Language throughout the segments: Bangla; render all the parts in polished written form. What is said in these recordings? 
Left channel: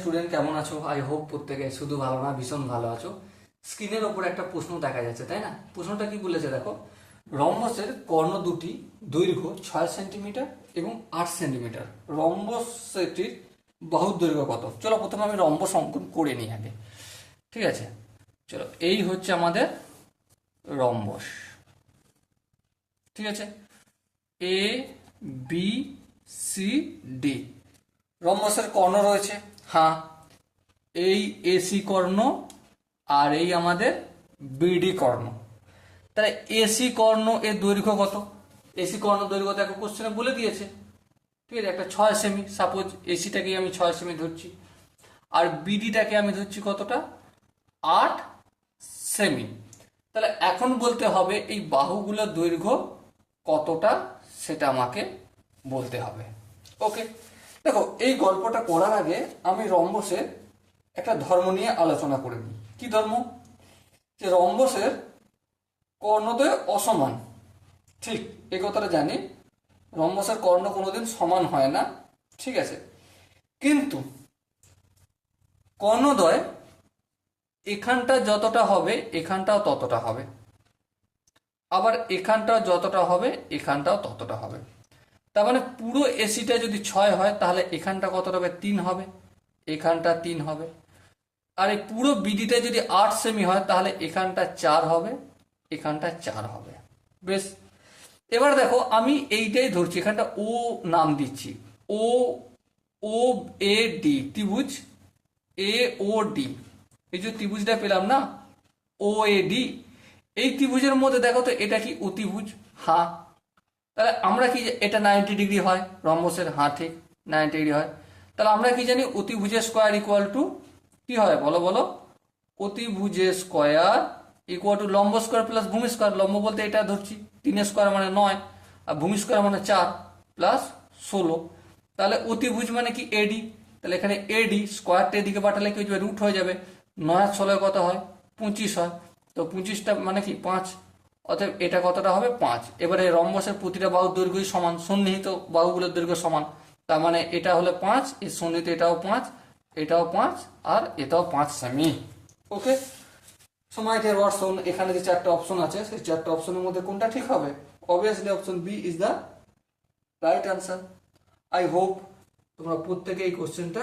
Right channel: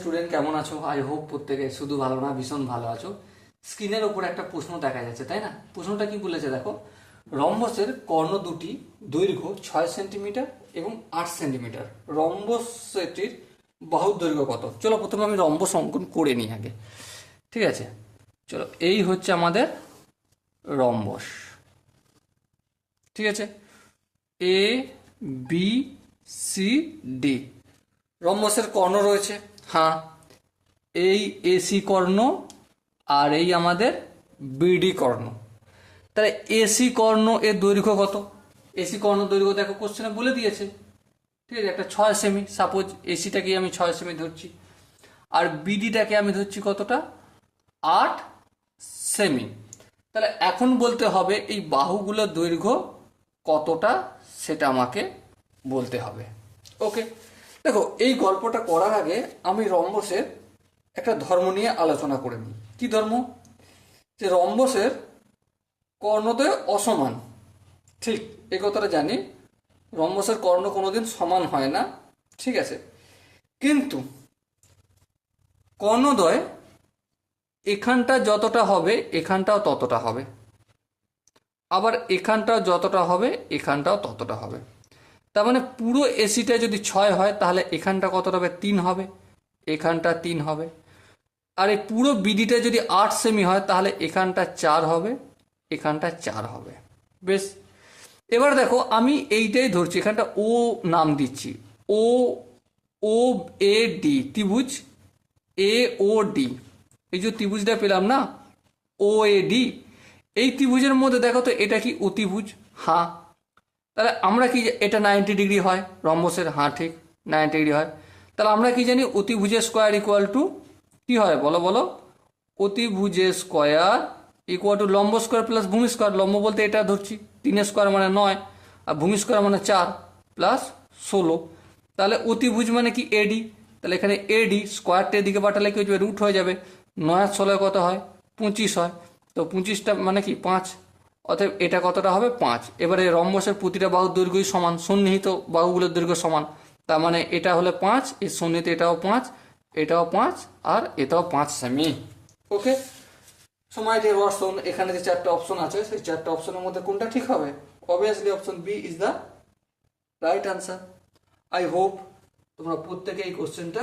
স্টুডেন্ট কেমন আছো? আই হোপ প্রত্যেকে শুধু ভালো না ভীষণ ভালো আছো। স্ক্রিনের ওপর একটা প্রশ্ন দেখা যাচ্ছে, তাই না? প্রশ্নটা কি বলেছে দেখো, রম্বসের কর্ণ দুটি দৈর্ঘ্য 6 সেন্টিমিটার এবং 8 সেন্টিমিটার। রম্বসটির বাহুর দৈর্ঘ্য কত? চলো প্রথমে আমি রম্বস অঙ্কন করে নিই আগে, ঠিক আছে? চলো, এই হচ্ছে আমাদের রম্বস, ঠিক আছে? এ বি সি ডি রম্বসের কর্ণ রয়েছে। হ্যাঁ, এই এসি কর্ণ আর এই আমাদের বিডি কর্ণ। তাহলে এসি কর্ণ এর দৈর্ঘ্য কত? এসি কর্ণ দৈর্ঘ্য দেখো কোশ্চেনে বলে দিয়েছে, ঠিক আছে? একটা 6 সেমি, সাপোজ এসিটাকে আমি 6 সেমি ধরছি, আর বিডিটাকে আমি ধরছি কতটা? 8 সেমি। তাহলে এখন বলতে হবে এই বাহুগুলোর দৈর্ঘ্য কতটা, সেটা আমাকে বলতে হবে। ওকে, দেখো এই গল্পটা করার আগে আমি রম্বসের একটা ধর্ম নিয়ে আলোচনা করে নিই। কি ধর্ম? যে রম্বসের কর্ণদ্বয় অসমান। ঠিক, এই কথাটা জানি, রম্বসের কর্ণ কোনোদিন সমান হয় না, ঠিক আছে? কিন্তু কর্ণদ্বয় এখানটা যতটা হবে এখানটাও ততটা হবে, আবার এখানটা যতটা হবে এখানটাও ততটা হবে। তার মানে পুরো এসিটা যদি 6 হয় তাহলে এখানটা কতটা হবে? 3 হবে, এখানটা 3 হবে। আর এই পুরো বিডিটা যদি 8 সেমি হয় তাহলে এখানটা 4 হবে, এখানটা 4 হবে। বেশ, এবার দেখো আমি এইটাই ধরছি, এখানটা ও নাম দিচ্ছি, ও ও এ ডি ত্রিভুজ, এ ও ডি। এই যে ত্রিভুজটা পেলাম না, ও এ ডি, এই ত্রিভুজের মধ্যে দেখো তো এটা কি অতিভুজ? হ্যাঁ। তাহলে আমরা কি, এটা 90 ডিগ্রি হয় রম্বসের? হ্যাঁ ঠিক, 90 ডিগ্রি হয়। তাহলে আমরা কি জানি, অতিভুজের স্কোয়ার ইকুয়াল টু কি হয় বলো বলো? অতিভুজের স্কোয়ার ইকুয়াল টু লম্ব স্কোয়ার প্লাস ভূমি স্কোয়ার। লম্ব বলতে এটা ধরছি, 3 স্কোয়ার মানে 9, আর ভূমি স্কোয়ার মানে 4 প্লাস 16। তাহলে অতিভুজ মানে কি? এডি। তাহলে এখানে এডি স্কোয়ারটা এদিকে পাঠালে কি হয়ে যাবে? রুট হয়ে যাবে। 9 আর 16 কত হয়? 25 হয়। তো 25টা মানে কি? 5। অতএব এটা কতটা হবে? 5। এবারে রম্বসের প্রতিটা বাহুর দৈর্ঘ্যই সমান, সন্নিহিত বাহুগুলোর দৈর্ঘ্য সমান। তার মানে এটা হলে 5, এর সন্নিহিত এটাও 5, এটাও 5, আর এটাও 5 সেমি। ওকে, সময় ডিয়ার ওয়াটসন, এখানে যে 4টে অপশন আছে সেই 4টে অপশনের মধ্যে কোনটা ঠিক হবে? Obviously option B is the right answer. I hope তোমরা প্রত্যেকে এই কোশ্চেনটা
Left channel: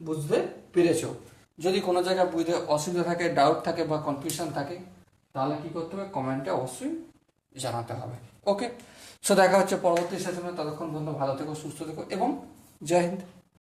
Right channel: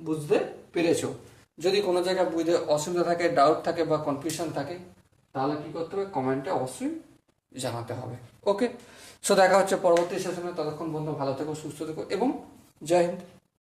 বুঝতে পেরেছো। যদি কোনো জায়গায় বুঝতে অসুবিধা থাকে, ডাউট থাকে বা কনফিউশন থাকে, তাহলে কি করতে হবে? কমেন্টে অবশ্যই জানাতে হবে। ওকে, সো দেখা হচ্ছে পরবর্তী সেশনে। ততক্ষণ বন্ধু ভালো থেকো, সুস্থ থেকো এবং জয় হিন্দ।